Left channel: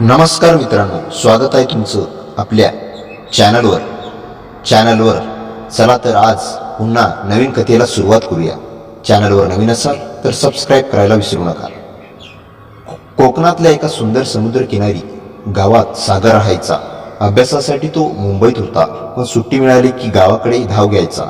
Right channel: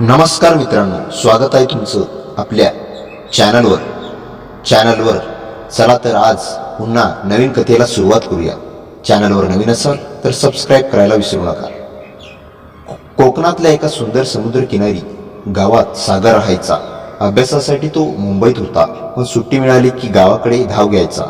नमस्कार मित्रांनो, स्वागत आहे तुमचं आपल्या चॅनलवर. चला तर आज पुन्हा नवीन कथेला सुरुवात करूया. चॅनलवर नवीन असाल तर सबस्क्राईब करायला विसरू नका. कोकणातल्या एका सुंदर समुद्रकिनारी गावात सागर राहायचा. अभ्यासासाठी तो मुंबईत होता, पण सुट्टी मिळाली की गावाकडे धाव घ्यायचा.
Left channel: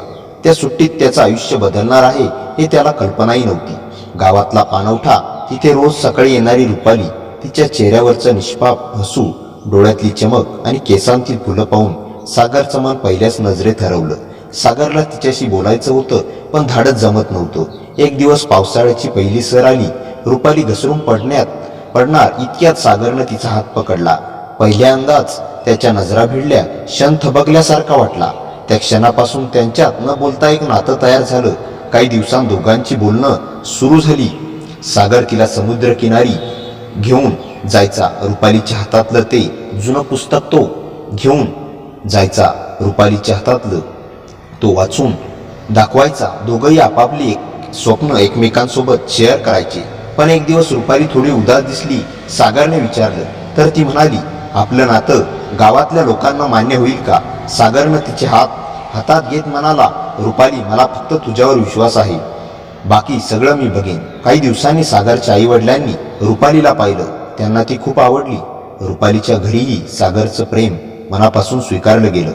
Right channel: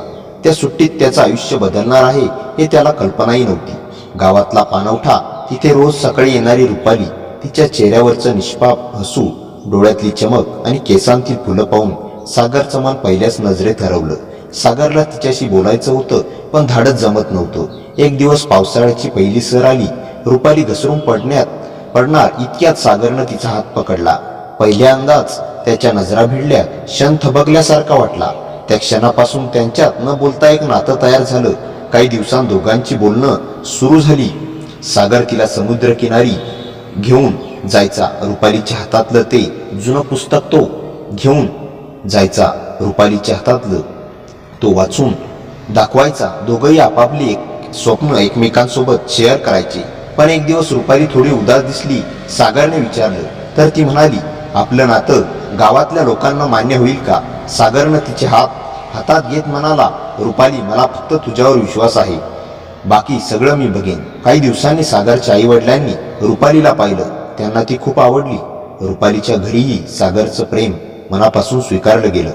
त्या सुट्टीत त्याचं आयुष्य बदलणार आहे हे त्याला कल्पनाही नव्हती. गावातला पाणवठा, तिथे रोज सकाळी येणारी रुपाली, तिच्या चेहऱ्यावरचं निष्पाप हसू, डोळ्यातली चमक आणि केसांतील फुलं पाहून सागरचं मन पहिल्याच नजरेत हरवलं. सागरला तिच्याशी बोलायचं होतं, पण धाडस जमत नव्हतं. एक दिवस पावसाळ्याची पहिली सर आली. रुपाली घसरून पडणार इतक्यात सागरनं तिचा हात पकडला. पहिल्यांदाच त्याच्या नजरा भिडल्या. क्षण थबकल्यासारखा वाटला. त्या क्षणापासून त्यांच्यात न बोलता एक नातं तयार झालं. काही दिवसांत दोघांची बोलणं सुरू झाली. सागर तिला समुद्रकिनारी घेऊन जायचा. रुपालीच्या हातातलं ते जुनं पुस्तक तो घेऊन जायचा. रुपालीच्या हातातलं तो वाचून दाखवायचा. दोघंही आपापली स्वप्न एकमेकांसोबत शेअर करायचे. पण एक दिवस रुपाली थोडी उदास दिसली. सागरने विचारलं तर ती म्हणाली, आपलं नातं गावातल्या लोकांना मान्य होईल का? सागरनं तिचे हातात घेत म्हणाला, रुपाली, मला फक्त तुझ्यावर विश्वास आहे. बाकी सगळं मी बघेन. काही दिवसांनी सागरच्या आईवडिलांनी रुपालीला पाहिलं. त्यांना ती खूप आवडली. रुपालीच्या घरीही सागरचं प्रेम मनापासून स्वीकारलं गेलं.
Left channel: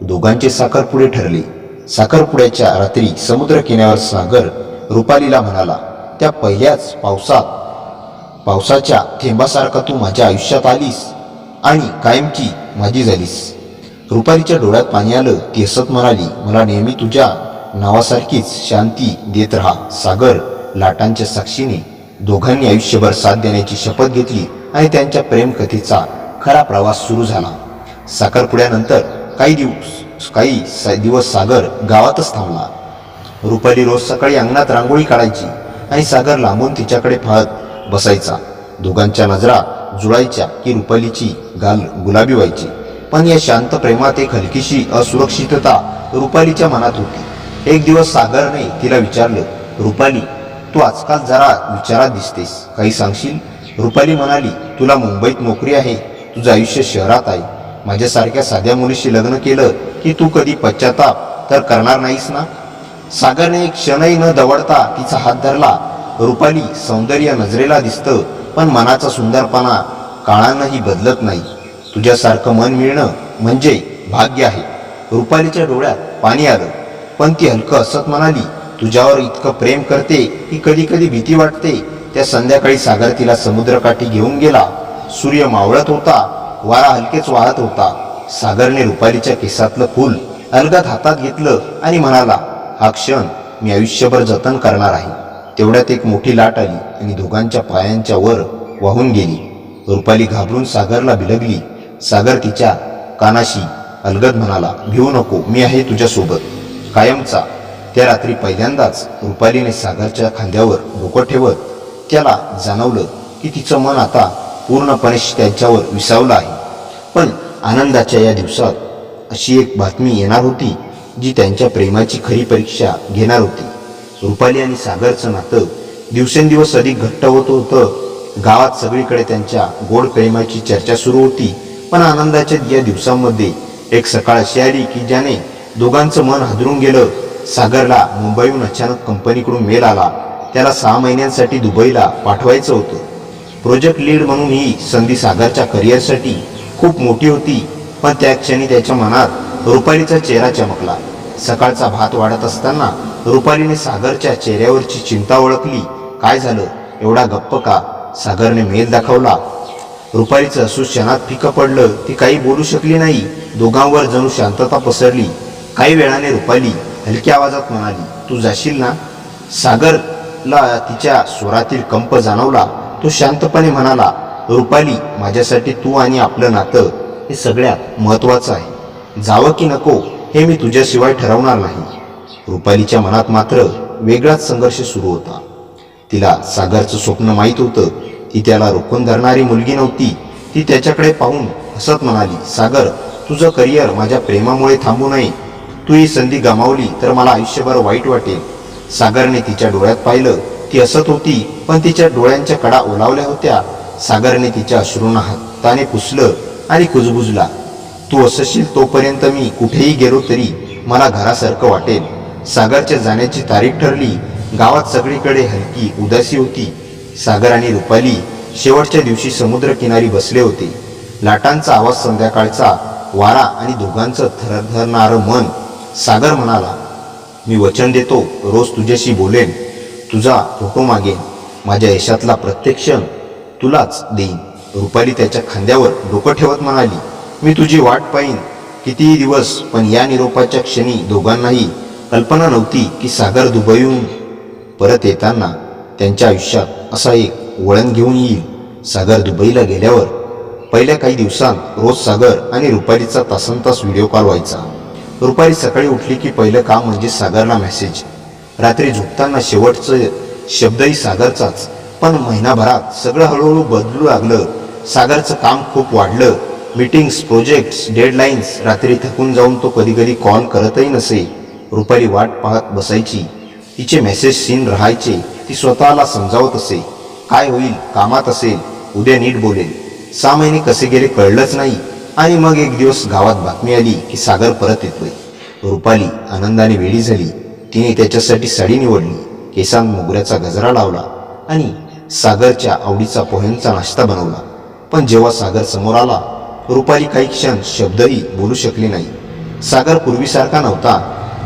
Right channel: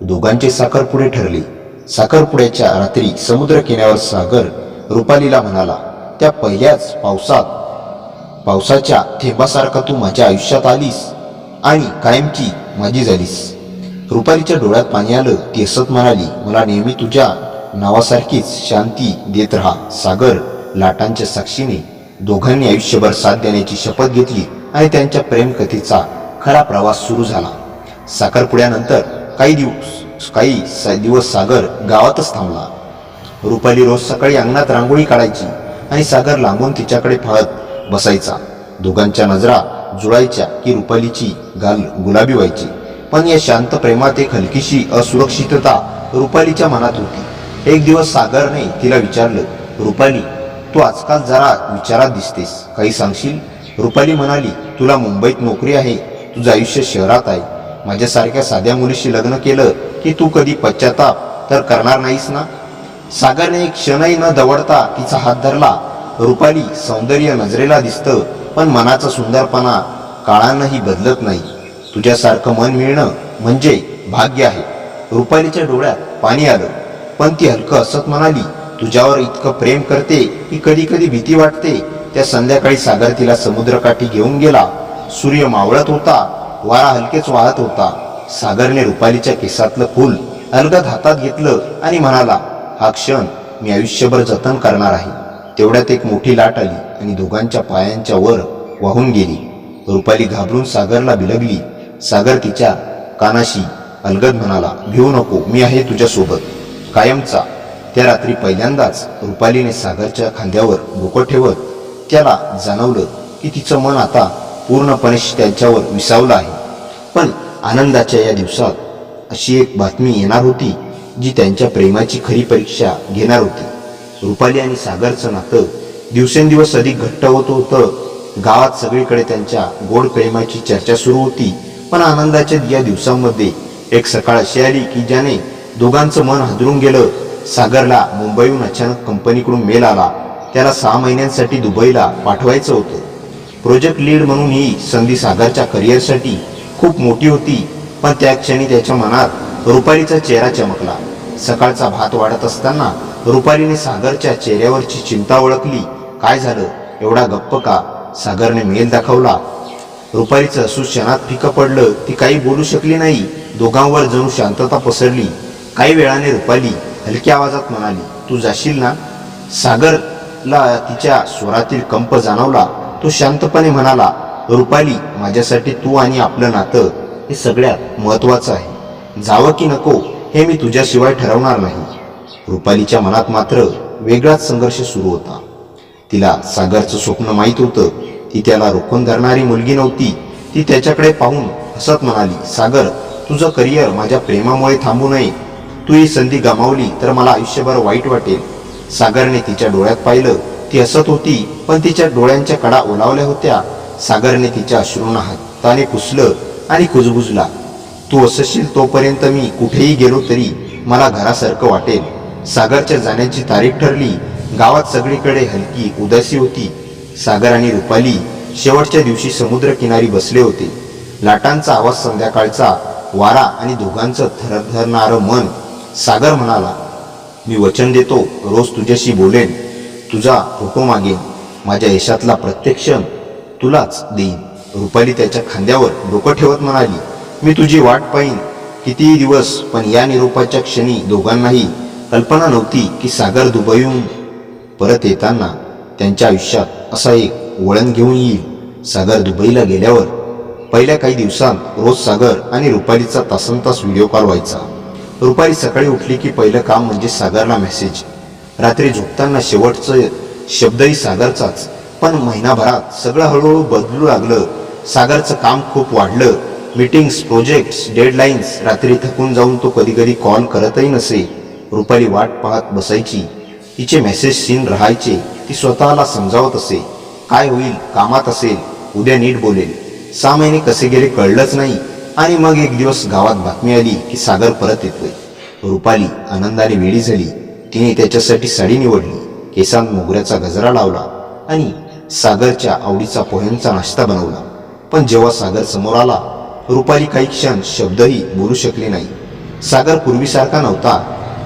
दोघांचे साखरपुडे ठरले. साखरपुड्याच्या रात्री समुद्रकिनाऱ्यावर सागर रुपालीला म्हणाला, त्या पहिल्याच पावसाच्या थेंबासारखा तू माझ्या आयुष्यात आलीस आणि कायमची माझी झालीस. रुपालीच्या डोळ्यात पाणी आलं. ती हसत म्हणाली, मला नेहमी तुझ्या नावासारखीच शांती देत राहा. सागर लाटांच्या साक्षीने दोघांनी आयुष्यभर साथ देण्याची शपथ घेतली आणि त्यांच्या प्रेमकथेचा खरा प्रवास सुरू झाला. साखरपुड्यानंतर काही दिवस सागर गावातच थांबला. रुपाली रोज सकाळी अंगणात रांगोळी काढायची आणि सागर लांबून तिच्याकडे पाहत बसायचा. दोघांच्या नजरा जुळायच्या की रुपालीची गाल गुलाबी व्हायची. पण या शांत प्रेमात एक हलकीशी असुरक्षितता रुपालीच्या मनात होती. एक दिवस सागरने तिला विचारलं, रुपाली, तू आजकाल जरा विचारात दिसतेस, काही सांगशील? रुपाली म्हणाली, तुला मुंबईत नोकरी आहे, तुझं आयुष्य शहरात आहे. माझ्यासारख्या साध्या मुलीशी लग्न केलं की तू कधी पश्चाताप तर करणार नाहीस ना? सागरने एक क्षणही न दवडता तिचा हात धरला. रुपाली, सौंदर्य नजरेला दिसतं, पण मनाचा सुंदरपणा काळानंही बदलत नाही. तुझ्यासारखं मन मिळणं म्हणजे भाग्य आहे. रुपालीच्या डोळ्यात पाणी आलं, पण ती हलकं हसत म्हणाली, तुझ्यावर इतकं प्रेम करते की कधी कधी भीती वाटते. त्या संध्याकाळी सागर तिला समुद्रकाठी घेऊन गेला. सूर्य मावळत होता, वारा हलकेच वाहत होता. सागरने रुपालीच्या केसातलं फूल अलगद हातात घेतलं आणि म्हणाला, हा क्षण मी आयुष्यभर जतन करणार आहे. तेवढ्यात एक मोठी लाट आली आणि दोघांच्या पायांच्या वर वाहून गेली. रुपाली घाबरून सागरला बिलगली. सागर तिच्या कानाशी अलगद म्हणाला, भिवू नको, मी आहे तुझ्यासोबत कायमचा. त्या रात्री पहिल्यांदाच रुपालीने सागरच्या खांद्यावर डोकं ठेवत त्याला जाणवलं की तिचं मन आता पूर्णपणे त्यांच्यावर विसावलं आहे. पण आनंदाच्या या दिवसात अशी एक बातमी येणार होती जी त्यांच्या प्रेमाची खरी परीक्षा घेणार होती. रुपाली आणि सागरचं नातं दिवसेंदिवस अधिक घट्ट होत होतं. गावात सगळीकडे त्यांच्या गोड प्रेमाची चर्चा सुरू होती. पण आनंदाच्या या दिवसांमध्ये एक सकाळ अशी आली की ज्याने दोघांचं मन हादरून गेलं. सागरला मुंबईहून अचानक कंपनीकडून मेल आला. त्याला 6 महिन्यांसाठी दुबईला पाठवायचं होतं. प्रोजेक्ट लीड म्हणून ही संधी सागरच्या करिअरसाठी खूप मोठी होती. पण त्या क्षणी त्याच्या मनात रुपालीचा चेहरा चमकला. सकाळचा भात वाढत असताना रुपालीने सागरच्या चेहऱ्यावरची चिंता ओळखली. काय झालं, एवढा गप्प का? सागरने मेल दाखवला. रुपालीचं हसू क्षणात फिकं पडलं. ती काही बोलू शकली नाही. दोघांवर जणू शांतता पसरली. काही वेळाने रुपाली हलक्या आवाजात म्हणाली, तू जाशील ना? सागरला तिच्या स्वरातील कंप जाणवला. तो शांतपणे म्हणाला, रुपाली, माझ्यासाठी तू आणि आपलं नातं हे सगळ्यात महत्त्वाचं आहे. जावं की नको हे मी तुझ्याशिवाय ठरवणार नाही. रुपालीच्या मनात मात्र वेगळाच संघर्ष सुरू होता. तिला सागरचं स्वप्न माहीत होतं. ती त्याला रोखून धरणारी मुलगी नव्हती. ती त्याच्याकडे पाहून हसत म्हणाली, सागर, तुझं करिअर माझ्या प्रेमामुळे थांबू नये. तू ही संधी गमावली तर मला आयुष्यभर वाईट वाटेल. सागरने तिच्या डोळ्यात पाहिलं. ती हसत होती, पण तिच्या डोळ्यांच्या कडा ओलावल्या होत्या. सागरने तिच्या अश्रूंना हाताने पुसलं आणि कुजबुजला. तू असशील तोपर्यंत मी कुठेही गेलो तरी मला घरासारखं वाटेल. सागरच्या जाण्याची तारीख ठरली. गावात सगळीकडे हलकी उदासी होती. सागर आणि रुपाली शेवटच्या दिवशी समुद्रकिनारी बसले होते. लाटांचा आवाज, संध्याकाळचा वारा आणि दोघांचं थरथरणारं मन. सागर म्हणाला, मी वचन देतो, रोज तुझ्याशी बोलेन, तुझा फोटो मागेन, माझ्या यशातला प्रत्येक क्षण तुलाच देईन. रुपाली त्याच्या खांद्यावर डोकं ठेवत म्हणाली, मी तुझी वाट पाहीन कितीही दिवस. पण या निरोपाच्या क्षणी दोघांनाही कल्पना नव्हती की सागर दुबईहून परत येताना त्यांच्या आयुष्यात असा एक वळण घेऊन येईल. सागर दुबईला गेल्यावर पहिल्या काही दिवसांत रोज सागर आणि रुपालीचा तासनतास व्हिडिओ कॉल व्हायचा. रुपाली सकाळी उठली की पहिलं काम म्हणजे सागरला मेसेज. रात्री झोपताना शेवटचं शब्दही सागरचाच. पण महिनाभरात सगळं हळूहळू बदलू लागलं. सागरचं काम खूप वाढलं. Meetings, projects, deadlines. रात्री थकून जाऊन तो कधीकधी कॉल करतही नसे. रुपाली वाट पाहत बसायची. तिचे मेसेज सीन राहायचे. ती स्वतःला समजावत असे, काय होईल, कामात असेल, उद्या नीट बोलेल. 6 महिने कसे गेले कळलंच नाही. आणि मग एक दिवस गावात बातमी आली की सागर परत येतोय. रुपाली आनंदाने वेडी झाली. तिने त्याच्यासाठी साडी निवडली, केसांत मोगऱ्याचा गजरा लावला आणि सागरच्या आवडीचा पोह्यांचा नाश्ता बनवला. पण जेव्हा सागर समोर आला, रुपाली काही क्षण शब्दही बोलू शकली नाही. सागर पूर्वीसारखा नव्हता.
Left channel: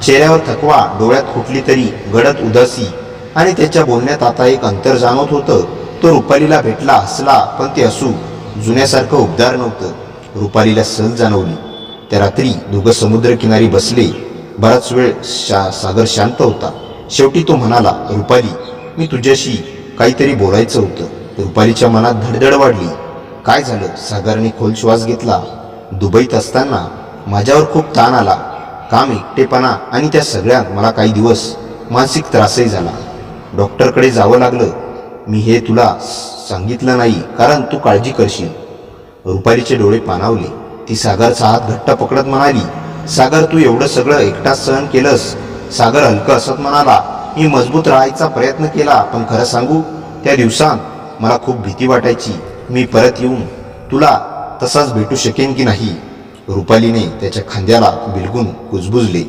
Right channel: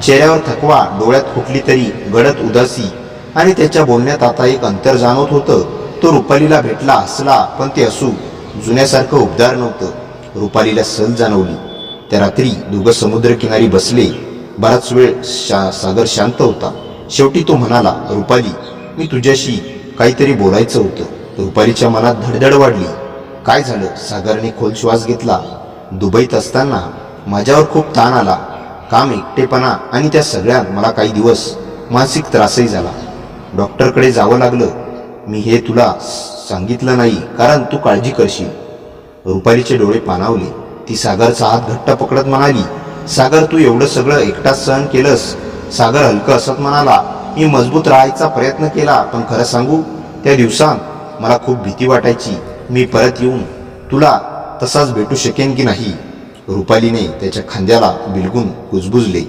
चेहऱ्यावर थकवा, डोळ्यात कुठली तरी गडद उदासी आणि त्याच्या बोलण्यात आता एक अंतर जाणवत होतं. तो रुपालीला भेटला, हसला, पण ते हसू जुन्यासारखं उबदार नव्हतं. रुपालीला सहज जाणवली. त्या रात्री दोघं समुद्रकिनारी बसले. बराच वेळ सागर शांत होता. शेवटी तो म्हणाला, रुपाली, मी तुझ्याशी काहीतरी बोलायचं होतं. रुपालीच्या मनात धडधड वाढली. काय झालं? सागरने खोल श्वास घेतला. दुबईत असताना माझ्यावर खूप ताण आला. काम, एकटेपणा आणि त्या सगळ्यात मला काही दिवस मानसिक त्रासही झाला. डॉक्टरकडे जावं लागलं. मी हे तुला सांगितलं नाही कारण तू काळजी करशील. रुपालीचे डोळे पाणावले. ती सागरचा हात घट्ट पकडत म्हणाली, सागर, तू एवढं सगळं एकटाच सहन केलंस? सागर हलकं असत म्हणाला, मी मजबूत राहायचा प्रयत्न केला, पण खरं सांगू, त्या दिवसांत मला खूप भीती वाटायची. मी परत येऊन तुला तसाच भेटू शकेन की नाही. रुपालीने त्याच्या खांद्याला बिलगून कुजबुजले.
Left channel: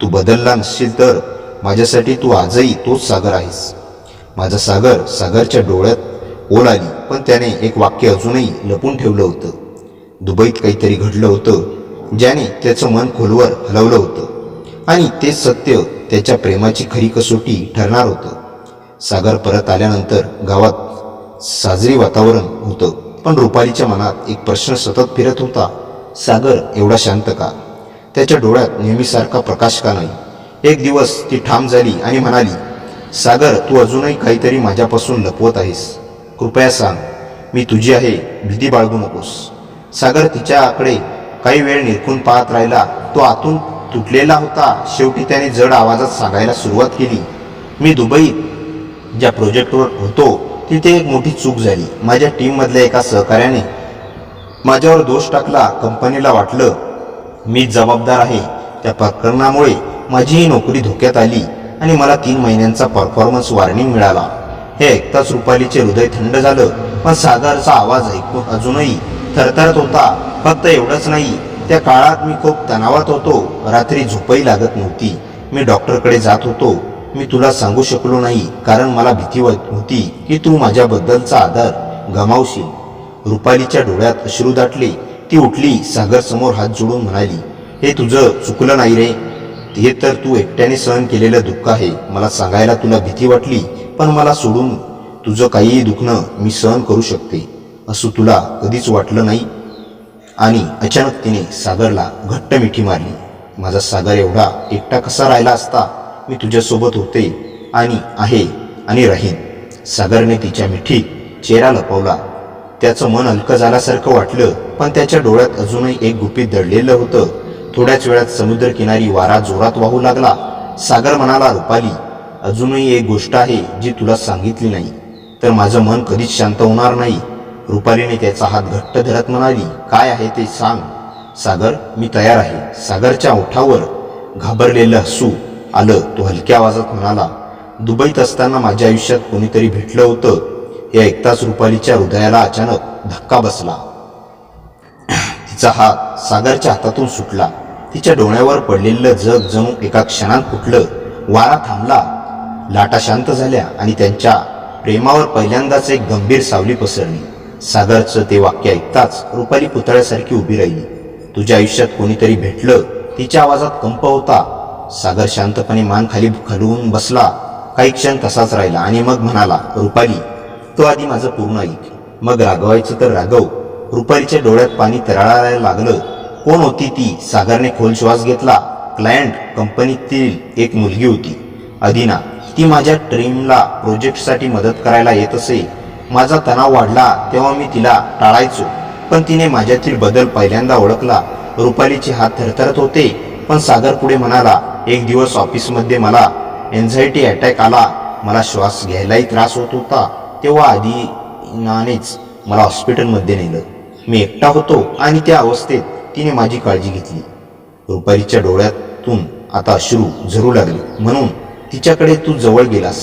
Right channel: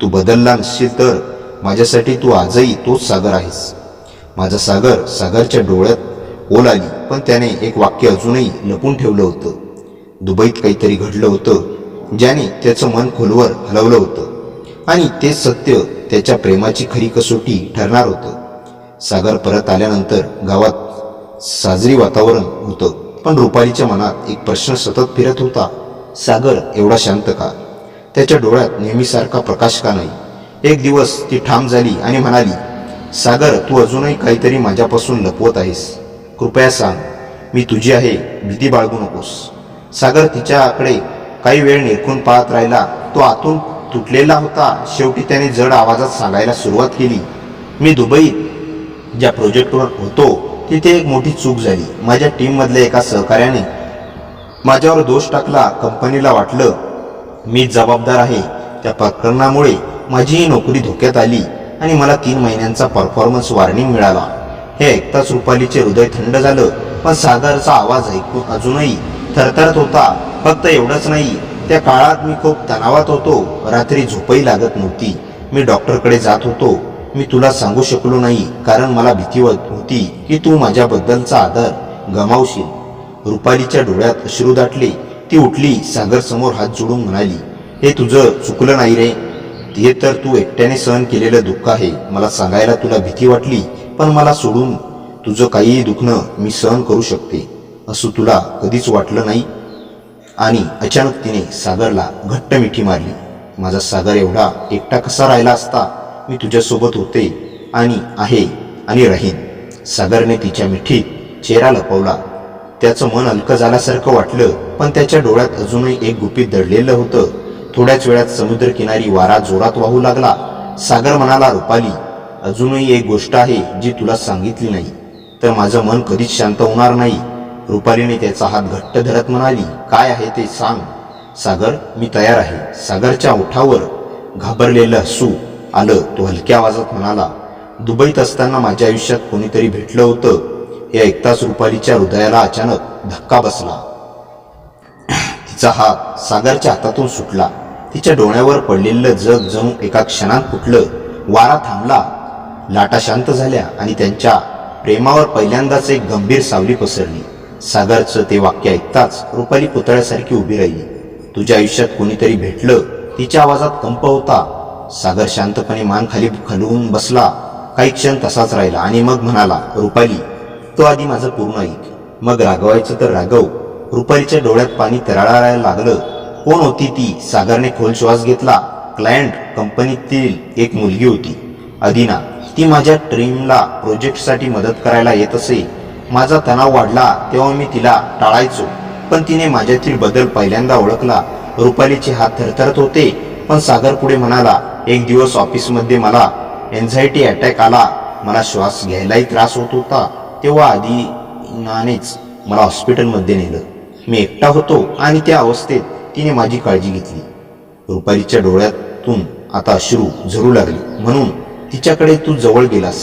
तू बदलला नसशील तर माझ्यासाठी तू आजही तोच सागर आहेस. माझा सागर. सागरच्या डोळ्यात ओल आली, पण त्याने एक वाक्य अजूनही लपून ठेवलं होतं. दुबईत काहीतरी घडलं होतं ज्याने त्याचं मन खोलवर हलवलं होतं आणि ते सत्य त्याच्या प्रेमाची खरी कसोटी ठरणार होतं. सागर परत आल्यानंतर गावात साजरी वातावरण होतं, पण रुपालीच्या मनात एक प्रश्न सतत फिरत होता. सागर एवढा शांत का? त्याच्या डोळ्यात नेहमीसारखा प्रकाश का नाही? एक दिवस ती ठाम झाली आणि म्हणाली, सागर, तू अजूनही काहीतरी माझ्यापासून लपवत आहेस. कृपया सांग, मी तुझी आहे, भीती बाळगू नकोस. सागर तिच्याकडे काही वेळ निरखून पाहत राहिला. तो आतून तुटलेला होता. शेवटी त्याने जड आवाजात सांगायला सुरुवात केली, मी दुबईत ज्या प्रोजेक्टवर होतो तिथे एक मोठी चूक झाली. माझ्या टीममधल्या एका सहकार्याने माझ्यावर दोष टाकला. कंपनीला वाटलं मीच जबाबदार आहे. त्या प्रकरणामुळे माझी ही नोकरी धोक्यात आली आणि मला 3 महिन्यांचा परफॉर्मन्स वॉर्निंग मिळाला. हे ऐकताच रुपालीचे हृदय थंड झालं, पण सागरचा आवाज ऐकून अजूनही थरथरत होता. फक्त एवढंच नाही, त्या काळात मी खूप तणावात होतो. रात्री झोपही लागत नव्हती. मी डॉक्टरकडे जात होतो. मी तुला सांगू शकलो नाही कारण मला भीती होती की तू माझ्याबद्दलचा आदर गमावशील. रुपालीच्या डोळ्यात अश्रू दाटले. ती उठली, सागरसमोर हात जोडून म्हणाली, हे तुझं चुकलं नाही रे. हे तर तू एकट्याने सहन केलेलं दुःख आहे. मला सांगायला तुला भीती वाटली, पण मला सोडून तुझं काहीही दुखणं मी सहन करू शकते असं तुला कधीच वाटलं नाही. आणि अचानक तिने सागरला घट्ट मिठी मारली. माझा सागर एवढा एकटा कसा राहिला असता? मी तुझ्यासोबत होते आणि आहे आणि राहीन. सागरने तिच्या मिठीत चेहरा लपवला. त्याचं मन हलकं झाल्यासारखं वाटलं, पण त्याच्या डोळ्यात अजूनही एक गुपित दडलेलं होतं. थोड्याच वेळात समुद्रकिनारी वारा जोरात वाहू लागला. सागर म्हणाला, रुपाली, अजूनही एक गोष्ट आहे जी तुला सांगितली नाही तर माझं मन कधीच शांत होणार नाही. रुपालीने त्याचा हात घट्ट धरत म्हणाली, काय आहे ते सांग. सागर, मी तयार आहे. सागरच्या ओठावर घाबरलेलं हसू आलं. तो हलक्या आवाजात म्हणाला, दुबईत असताना माझ्या आयुष्यात कोणीतरी भेटलं होतं. हे ऐकताच रुपालीच्या हृदयाला अचानक धक्का बसला. तिचा हात सागरच्या हातातून सुटला. तिच्या डोळ्यावर पडलेलं जग जणू एका क्षणात फुटलं. वारा थांबला, लाटा शांत झाल्या आणि त्यांच्या प्रेमावर पहिल्यांदाच एक गंभीर सावली पसरली. सागरचं ते वाक्य ऐकताच रुपाली पुतळ्यासारखी उभी राहिली. तुझ्या आयुष्यात कोणीतरी भेटलं, तिच्या आवाजात कंप होता. सागर शांतपणे मान खाली खालून बसला. काही क्षण तसाच राहिला आणि मग म्हणाला, रुपाली, तो आधी माझं पूर्ण ऐक, मग रागवायचं तर रागव. रुपालीच्या डोळ्यात पाणी तरळायला लागलं. कोण होती ती? सागरने खोल श्वास घेतला. क्लायंट कंपनीतील एक मुलगी होती, अदिना. ती माझ्या टीमला प्रोजेक्टसाठी मदत करायला येत असे. माझा तणाव वाढला तेव्हा मी तिला टाळायचो, पण तिने माझ्यातील बदल पहिल्यांदा ओळखला. रुपालीचे हात थरथरत होते, पण सागर पुढे म्हणाला, एक दिवस ऑफिसमध्ये मला एन्झायटी अटॅक आला. मला श्वास घ्यायलाही त्रास होत होता. तेव्हा अदिनानेच मला हॉस्पिटलमध्ये नेलं. मी एकटा होतो आणि त्या अवस्थेत तिने माझी काळजी घेतली. रुपालीच्या डोळ्यातून आता अश्रू झरू लागली. म्हणून तिच्याकडे तू जवळ गेलास?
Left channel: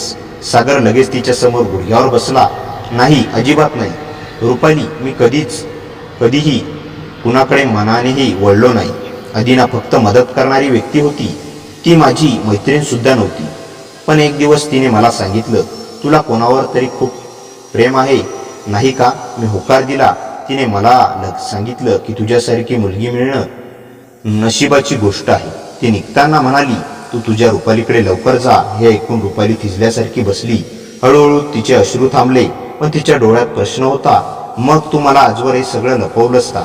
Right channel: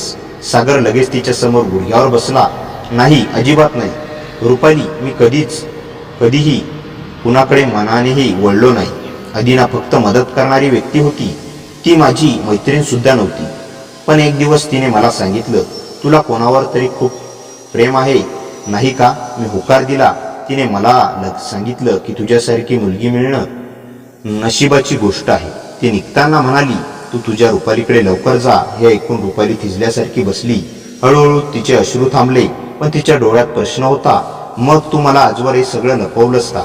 सागर लगेच तिच्यासमोर गुडघ्यावर बसला. नाही, अजिबात नाही रुपाली, मी कधीही कुणाकडे मनानेही वळलो नाही. अदिना फक्त मदत करणारी व्यक्ती होती, ती माझी मैत्रीणसुद्धा नव्हती. पण एक दिवस तिने मला सांगितलं, तुला कोणावर तरी खूप प्रेम आहे, नाही का? मी होकार दिला. तिने मला सांगितलं की तुझ्यासारखी मुलगी मिळणं नशिबाची गोष्ट आहे. ती निघताना म्हणाली, तू तुझ्या रुपालीकडे लवकर जा. हे ऐकून रुपाली थिजल्यासारखी बसली. हळूहळू तिचे अश्रू थांबले, पण तिच्या डोळ्यात प्रश्न होता. मग तू मला आजवर हे सगळं लपवलंस का?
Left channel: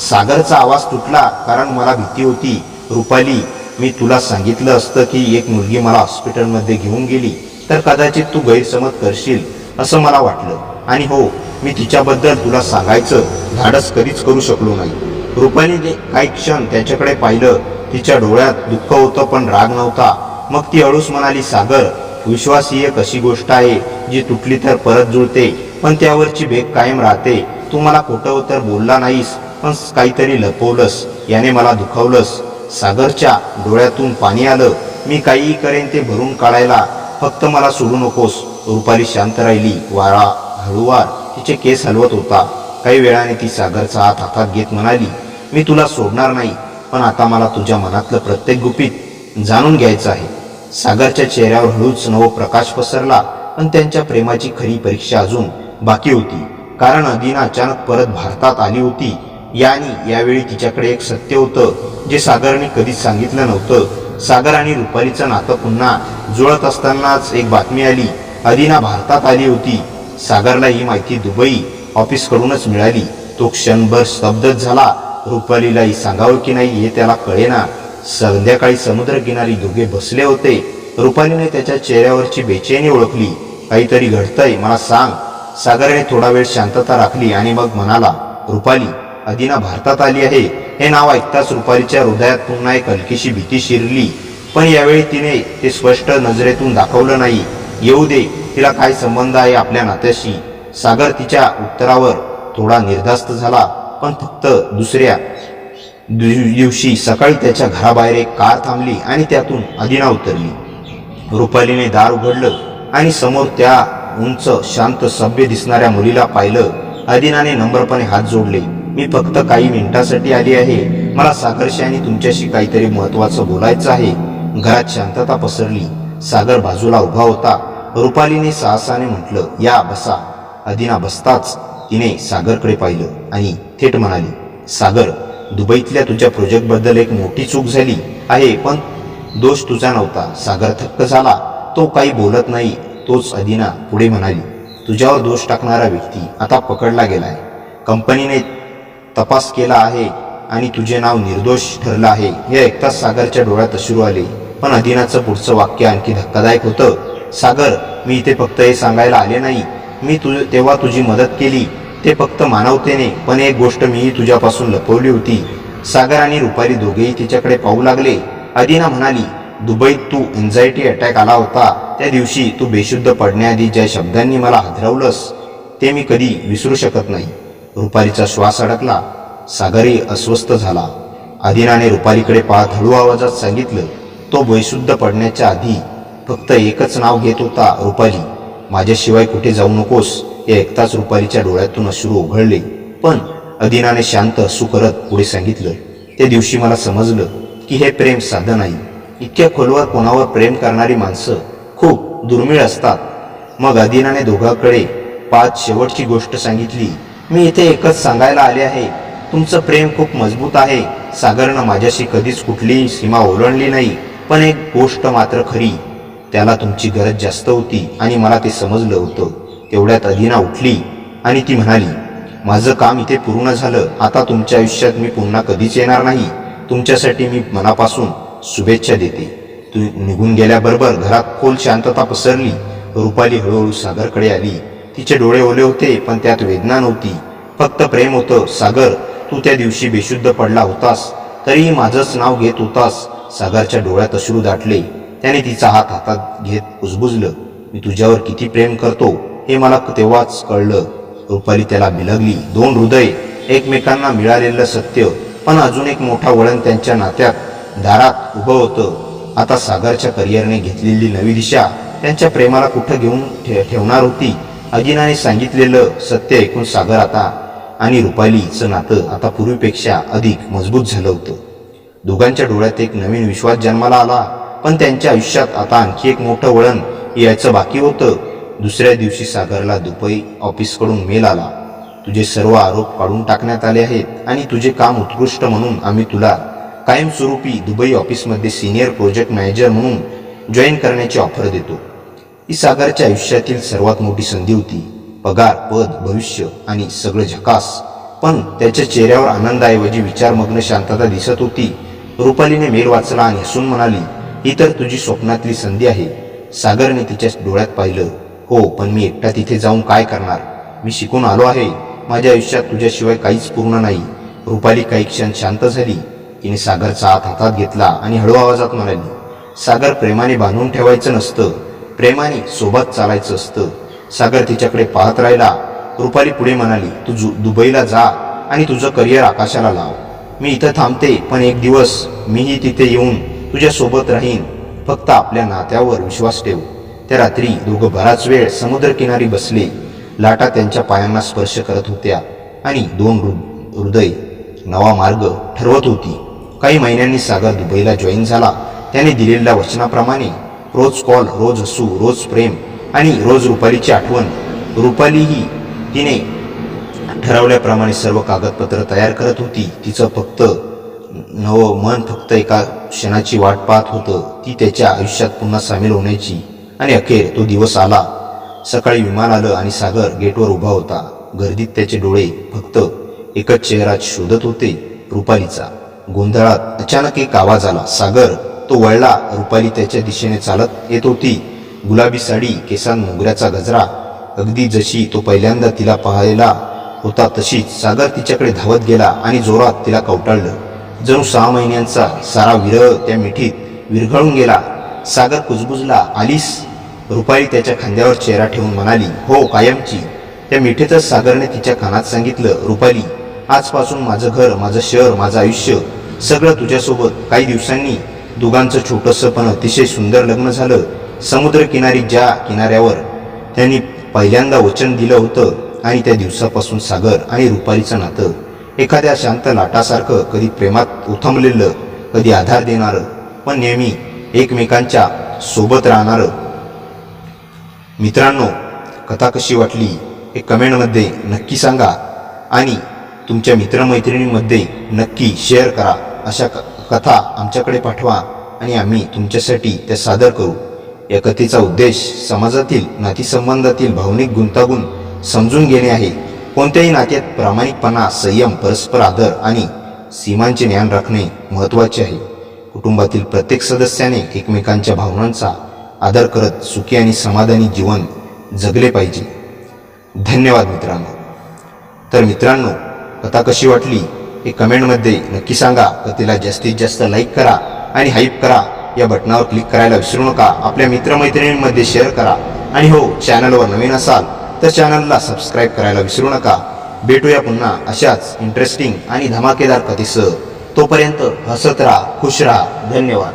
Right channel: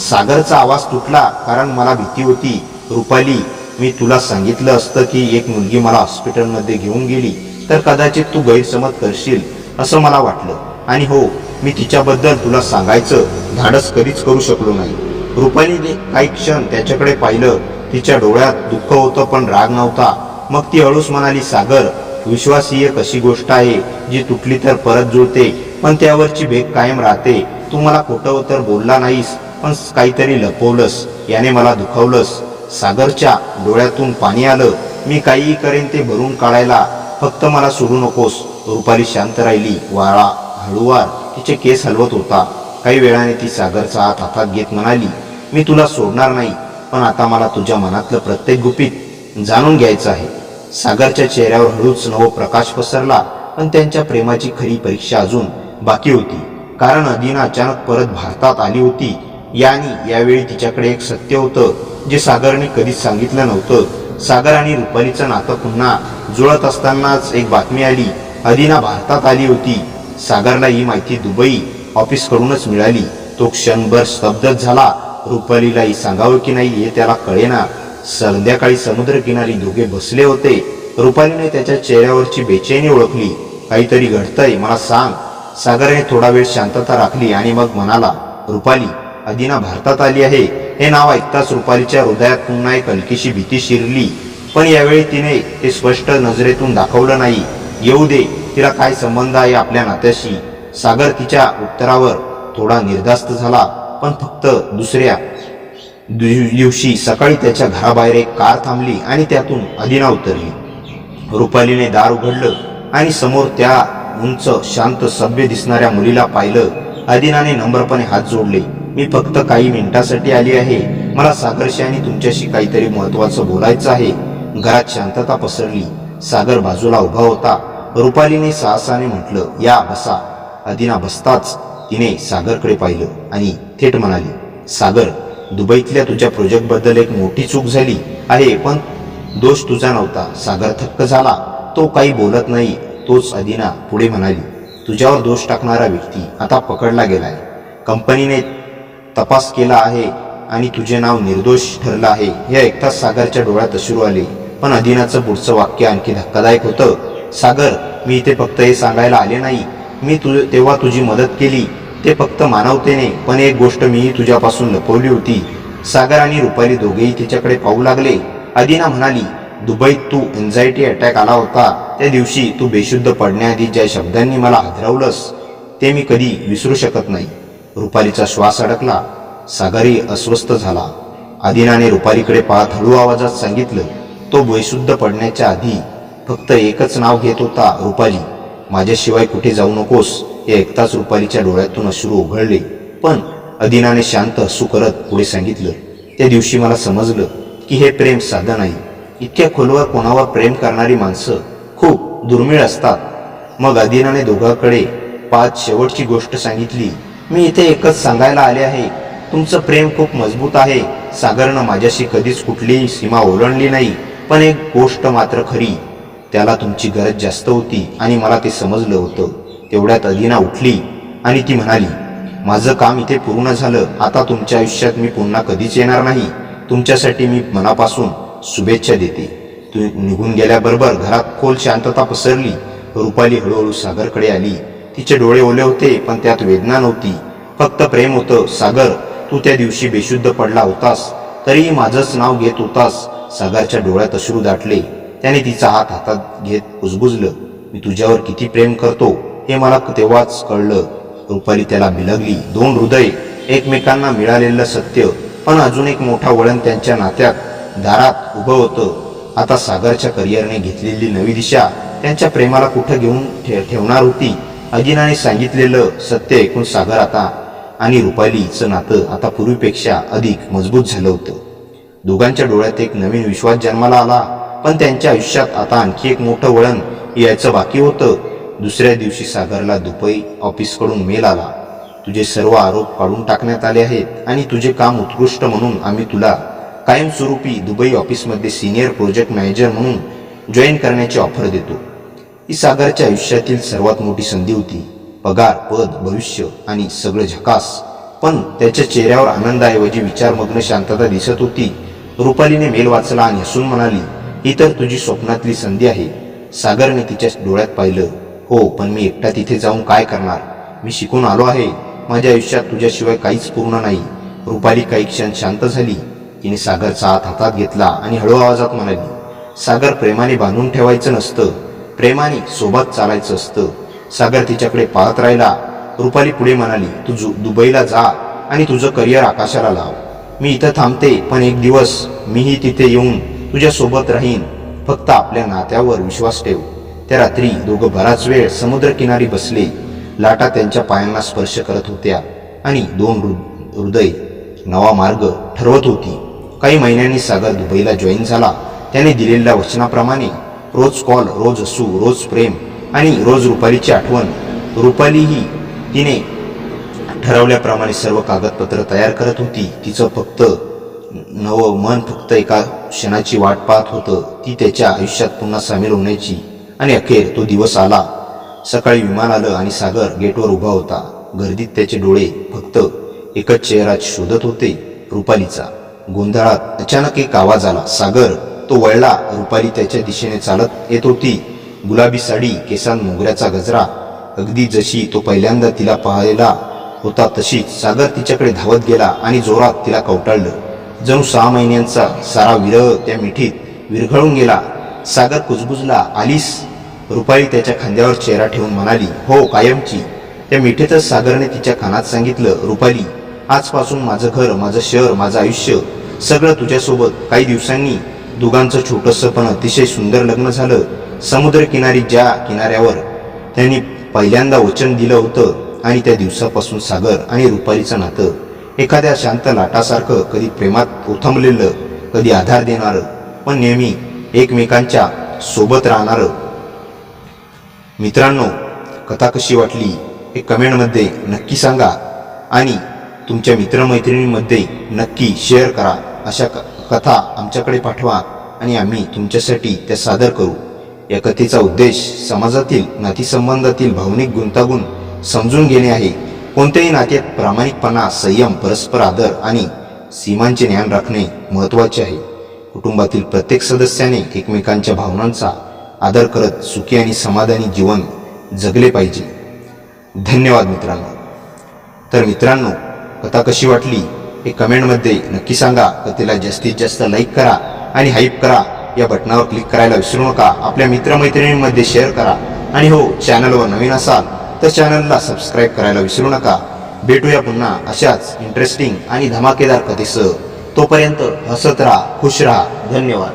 सागरचा आवाज तुटला, कारण मला भीती होती. रुपाली, मी तुला सांगितलं असतं की एक मुलगी मला हॉस्पिटलमध्ये घेऊन गेली तर कदाचित तू गैरसमज करशील असं मला वाटलं. आणि हो, मी तिच्याबद्दल तुला सांगायचं धाडस कधीच करू शकलो नाही. रुपालीने काही क्षण त्याच्याकडे पाहिलं. तिच्या डोळ्यात दुःख होतं, पण राग नव्हता. मग ती हळूच म्हणाली, सागर, विश्वास ही एक अशी गोष्ट आहे जी तुटली तर परत जुळते, पण त्यावरची भेग कायम राहते. तू मला खोटं तर बोलला नाहीस, पण काहीतरी लपवलंस. याने मला दुखावलंस. सागरच्या डोळ्यातून पाणी आलं. मी काहीही करेन ते भरून काढायला, फक्त मला सोडू नकोस. रुपाली शांत राहिली. वारा हळूवार तिचे केस हलवत होता. काही वेळाने ती सागरचा हात हातात घेत म्हणाली, मी तुला सोडणार नाही, पण आता मला तुझ्या मनातलं प्रत्येक गुपित जाणून घ्यायचं आहे. सागरच्या चेहऱ्यावर हळूच नव प्रकाश पसरला, पण त्यांच्या प्रेमाची खरी परीक्षा अजून बाकी होती. कारण अदिना अचानक परत भारतात आली होती. यावेळी तिच्याकडे एक सत्य होतं जे सागरने कधीच सांगितलं नव्हतं. सागर आणि रुपालीचं नातं पुन्हा जुळत असतानाच एक बातमी आली. अदिना भारतात आली होती. सागरला ही माहिती दुबई ऑफिसकडूनच मिळाली. तो क्षणभर स्तब्धच झाला. रुपालीलाही सांगावं की नाही हे त्याला कळेना. संध्याकाळी समुद्रकिनारी दोघे बसले होते. रुपालीने त्याच्या चेहऱ्यावरची बेचैनी ओळखली. काहीतरी घडतंय, मला सांग. सागरने थोडा वेळ शांतता राखली आणि मग म्हणाला, रुपाली, अदिना भारतात आली आहे. हे नाव ऐकताच रुपालीच्या हृदयात पुन्हा एक हलकीशी भीती शिरली, पण यावेळी तिने ते स्पष्ट नजरेतून दाखवलं नाही. येऊ दे, तिला काय संबंध आहे आपल्या नात्याशी? सागर तिच्या उत्तरावर थोडा निर्धास्त झाला, पण फक्त दुसऱ्या दिवशी सकाळी त्याच्या घराबाहेर एक कार थांबली आणि त्यातून अदिना उतरली. रुपालीने दार उघडलं आणि समोर त्या उंच, शांत, सभ्य दिसणाऱ्या मुलीला पाहिलं. अदिनाने नम्रपणे हात जोडले. मी फक्त काही मिनिटासाठी आली आहे. मला सागरशी आणि तुमच्याशी काहीतरी महत्त्वाचं बोलायचं आहे. घरात शांतता पसरली. सागर बाजूला उभा होता. रुपालीने साहसाने म्हटलं, या बसा. अदिना बसताच तिने सागरकडे पाहिलं आणि थेट म्हणाली, सागर, दुबईतल्या तुझ्या प्रोजेक्टबद्दल एक मोठी चूक झाली आहे, पण दोष तुझा नव्हता. सागर थक्क झाला. तो काही बोलत नाही. तोच अदिना पुढे म्हणाली, तुझ्यावर दोष टाकणारा व्यक्ती आता पकडला गेलाय. कंपनीने तपास केला आहे आणि तुझे नाव निर्दोष ठरलं आहे. हे ऐकताच सागरच्या डोळ्यात अश्रू आले. पण अदिनाचं पुढचं वाक्य आणखी धक्कादायक होतं. सागर, मी इथे फक्त हे सांगायला आले नाही. मी तेव्हा तुझी मदत केली, ते फक्त मानवतेने, पण एक गोष्ट मीही तुझ्यापासून लपवली होती. सागर आणि रुपाली दोघेही तिच्याकडे पाहू लागले. अदिना म्हणाली, दुबईत तू एन्झायटी अटॅक आला होता त्या दिवशी तू बेशुद्ध पडण्याआधी ज्या शब्दांनी मला हादरवलंस ते मी कधी विसरू शकत नाही. रुपालीचा श्वास अडकला. सागरही अस्वस्थ झाला. अदिनाने रुपालीकडे पाहत हळू आवाजात सांगितलं, तो बेशुद्ध पडण्याच्या आधी फक्त एकच नाव घेत होता, रुपाली, माझ्याशिवाय कुठे जाऊ नकोस. हे ऐकताच रुपालीच्या डोळ्यातून अश्रू ओघळले. पण अदिनाने शांत हसू करत पुढे सांगितलं, त्या दिवशी मला समजलं की हे प्रेम साधं नाही. इतक्या खोलवर कोणावर प्रेम करणारी माणसं खूप दुर्मिळ असतात. मग अदिनाने दोघांकडे पाच शेवटची गोष्ट सांगितली. मी इथे एकच सांगायला आले आहे, तुमचं प्रेम खूप मजबूत आहे. सागरनं माझ्याशी कधीच कुठलीही सीमा ओलांडली नाही. पण एक गोष्ट मात्र खरी, त्याला तुमची गरज जास्त होती आणि मला ते समजलं होतं. तेवढ्यात अदिना उठली आणि ती म्हणाली, माझं काम इथे पूर्ण झालं. आता तुमच्या आयुष्यात मी पुन्हा कधीच येणार नाही. तुमच्यासाठी मी मनापासून शुभेच्छा देते. तू निघून गेल्याबरोबर घरात खोल शांतता पसरली. रुपाली हळूहळू सागरकडे आली. तिचे डोळे ओले होते, पण त्यात वेदना नव्हती, फक्त प्रेम होतं. सागर, तू त्या दिवशी बेशुद्ध पडला होतास, तरीही माझंच नाव घेत होतास. सागरच्या डोळ्यात अश्रू दाटले. त्याने तिचा हात हातात घेत कुजबुजलं, मी तुझ्यावर किती प्रेम करतो हे मला तेव्हाच कळलं. रुपाली त्याला बिलगली. दोन हृदय, एकमेकांना मिळालेलं सत्य, पण अजून एक मोठा वळण त्यांच्या नात्यात दारात उभं होतं. आता सागरच्या करिअरने घेतलेली नवी दिशा त्यांच्या प्रेमाला कुठं घेऊन ठेवणार होती. अदिनाने सांगितलेलं सत्य ऐकून सागर आता आणि रुपालीचं नातं आता पूर्वीपेक्षा अधिक मजबूत झालं होतं. दोघांच्या डोळ्यात एक नवीन विश्वास जन्माला आला. पण त्यांच्या आयुष्यात आता आणखी एक मोठं वळण यायचं बाकी होतं. दुसऱ्या दिवशी सागरला दुबई ऑफिसकडून मेल आला. तुझे सर्व आरोप काढून टाकण्यात आले आहेत आणि तुझे काम उत्कृष्ट म्हणून आम्ही तुला कायमस्वरूपी दुबई ऑफिसमध्ये सिनियर प्रोजेक्ट मॅनेजर म्हणून जॉईन करण्याची ऑफर देतो. ही सागरच्या आयुष्यातील सर्वात मोठी संधी होती. पगार, पद, भविष्य आणि सगळं झकास. पण त्याच्या चेहऱ्यावर आनंदाऐवजी विचारमग्न शांतता दिसत होती. रुपालीने मेल वाचला आणि हसून म्हणाली, ही तर तुझी स्वप्नातली संधी आहे. सागरने तिच्या डोळ्यात पाहिलं. हो, पण मी एकटा तिथे जाऊन काय करणार? मी शिकून आलो आहे. माझ्या आयुष्यात तुझ्याशिवाय काहीच पूर्ण नाही. रुपाली काही क्षण शांत झाली. तिने सागरचा हात हातात घेतला आणि हळू आवाजात म्हणाली, सागर, प्रेमाने बांधून ठेवायचं नसतं, प्रेमाने सोबत चालायचं असतं. सागर तिच्याकडे पाहत राहिला. रुपाली पुढे म्हणाली, तू दुबईला जा आणि तुझं करिअर आकाशाला लाव. मी इथं थांबते, पण एक दिवस मीही तिथे येऊन तुझ्यासोबत राहीन. फक्त आपल्या नात्यावर विश्वास ठेव. त्या रात्री दोघं बराच वेळ समुद्रकिनारी बसले. लाटा त्यांच्या पायांना स्पर्श करत होत्या आणि दोन हृदय नवा मार्ग ठरवत होती. काही महिन्यांनी सागर दुबईला जॉईन झाला. त्याने दिलेल्या वचनाप्रमाणे रोज कॉल, रोज हसू, रोज प्रेम आणि रोज रुपालीची आठवण. रुपालीही तिने ठरवल्याप्रमाणे सर्व कागदपत्र तयार करत होती. तिचं फक्त मन फक्त एका क्षणाची वाट पाहत होतं, ती त्याच्या आयुष्यात पुन्हा सामील होण्याची. आणि अखेर तो दिवस आला. सकाळी विमान आलं आणि सागर गेटवर उभा होता. गर्दीत त्याचे डोळे फक्त एकच चेहरा शोधत होते, रुपालीचा. गोंधळात अचानक एक आवाज आला, सागर. तो वळला. रुपाली त्याच्या दिशेने चालत येत होती. गुलाबी साडी, केसांत मोगऱ्याचा गजरा, अगदी जशी तो पहिल्यांदा तिला पाहायला होता तशीच. सागर तिच्याकडे धावत गेला आणि जोरात तिला कवटाळलं. जणू 6 महिन्यांचा सारा विरह त्या मिठीत विरघळून गेला. सागर कुजबुजला, आलीस? रुपाली त्याच्या खांद्यावर चेहरा ठेवून म्हणाली, हो, कायमची. त्या मिठीतच सागरने तिच्या कानात सांगितलं, रुपाली, आजपासून माझं घर, माझं शहर, माझं आयुष्य सगळं तुझ्यासोबत. काही दिवसांनी दोघांचं छोटंसं पण अतिशय सुंदर लग्न झालं. समुद्रकिनारी, ज्या किनाऱ्यावर त्यांनी पहिल्यांदा वचन दिलं होतं. आणि त्या दिवसापासून सागर आणि रुपालीचं नातं एखाद्या शांत लाटासारखं, कधी प्रेमात ओथंबलेलं, कधी आधार देणारं, पण नेहमी एकमेकांच्या सोबत राहणारं. मित्रांनो, कथा कशी वाटली हे कमेंटमध्ये नक्की सांगा आणि तुमच्या मित्रमैत्रिणींमध्ये नक्की शेअर करा. अशा कथा आमच्याकडे पाठवा आणि आम्ही तुमच्यासाठी त्या सादर करू. या कथेचा उद्देश समाजातील नातीसंबंधातील भावनिक गुंतागुंत समजून घेणे आहे. कोणत्याही नात्यात प्रामाणिकपणा, संयम, परस्पर आदर आणि सीमांचे ज्ञान राखणे महत्त्वाचे आहे. कुटुंबातील प्रत्येक सदस्याने एकमेकांच्या भावनांचा आदर करत सुखी आणि समाधानी जीवन जगले पाहिजे. धन्यवाद मित्रांनो. तर मित्रांनो, कथा कशी वाटली हे कमेंटमध्ये नक्की सांगा. कथेला जास्तीत जास्त लाईक करा आणि हाईप करा. या बटनावर क्लिक करायला विसरू नका. आपल्या मित्रमैत्रिणींमध्ये शेअर करा. आणि हो, चॅनलवर नवीन असाल तर चॅनलला सबस्क्राईब करायला विसरू नका. भेटूया पुन्हा अशाच इंटरेस्टिंग आणि धमाकेदार कथेसह. तोपर्यंत हसत राहा, खुश राहा. धन्यवाद.